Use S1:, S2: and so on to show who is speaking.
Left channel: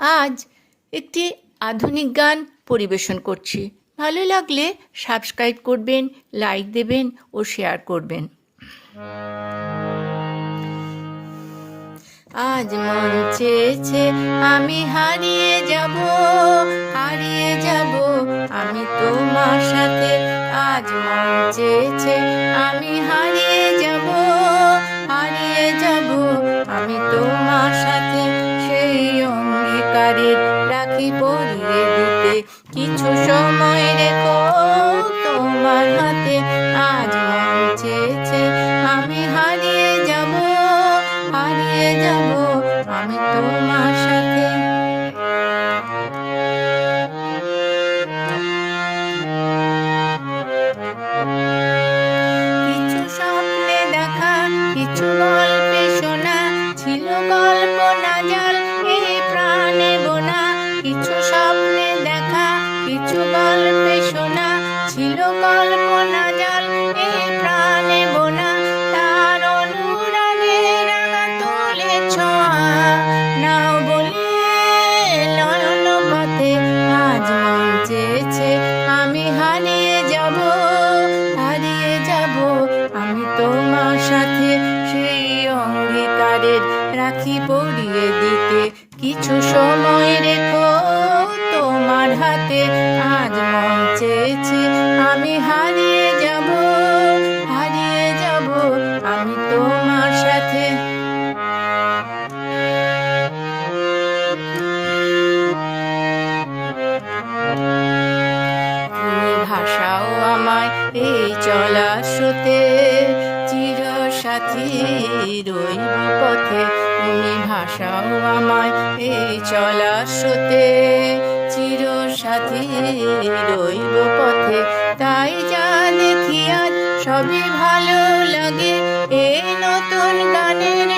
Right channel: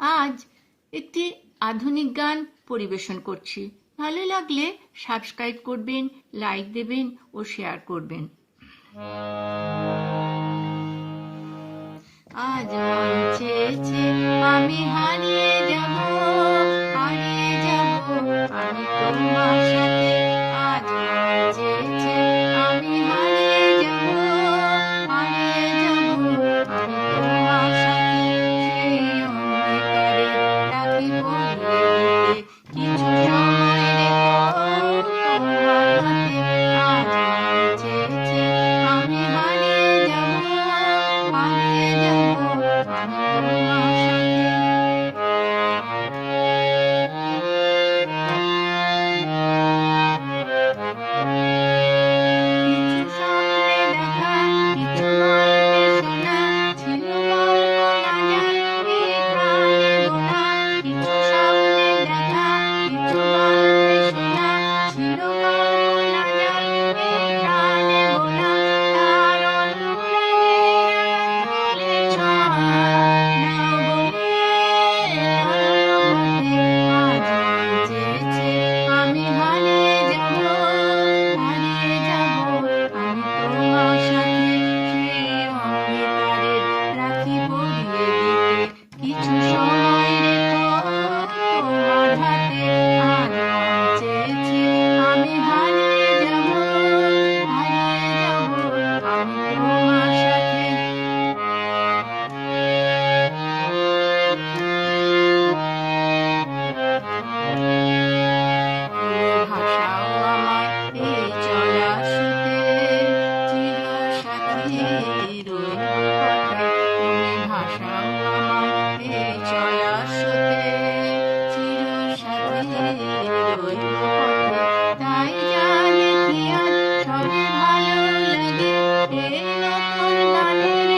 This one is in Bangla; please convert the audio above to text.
S1: আজ একটি আধুনিক গান পরিবেশন করছি। ভালো লাগলে সাবস্ক্রাইব করবেন লাইক দেবেন ও শেয়ার করবেন। আজ মন চেয়েছে আমি হারি পথে তুমি ভাষাও আমায় এই চলার স্রোতে চির সাথে রইব পথে, তাই যা লিখিয়ার সবই ভালো লাগে। এই নতুন গানের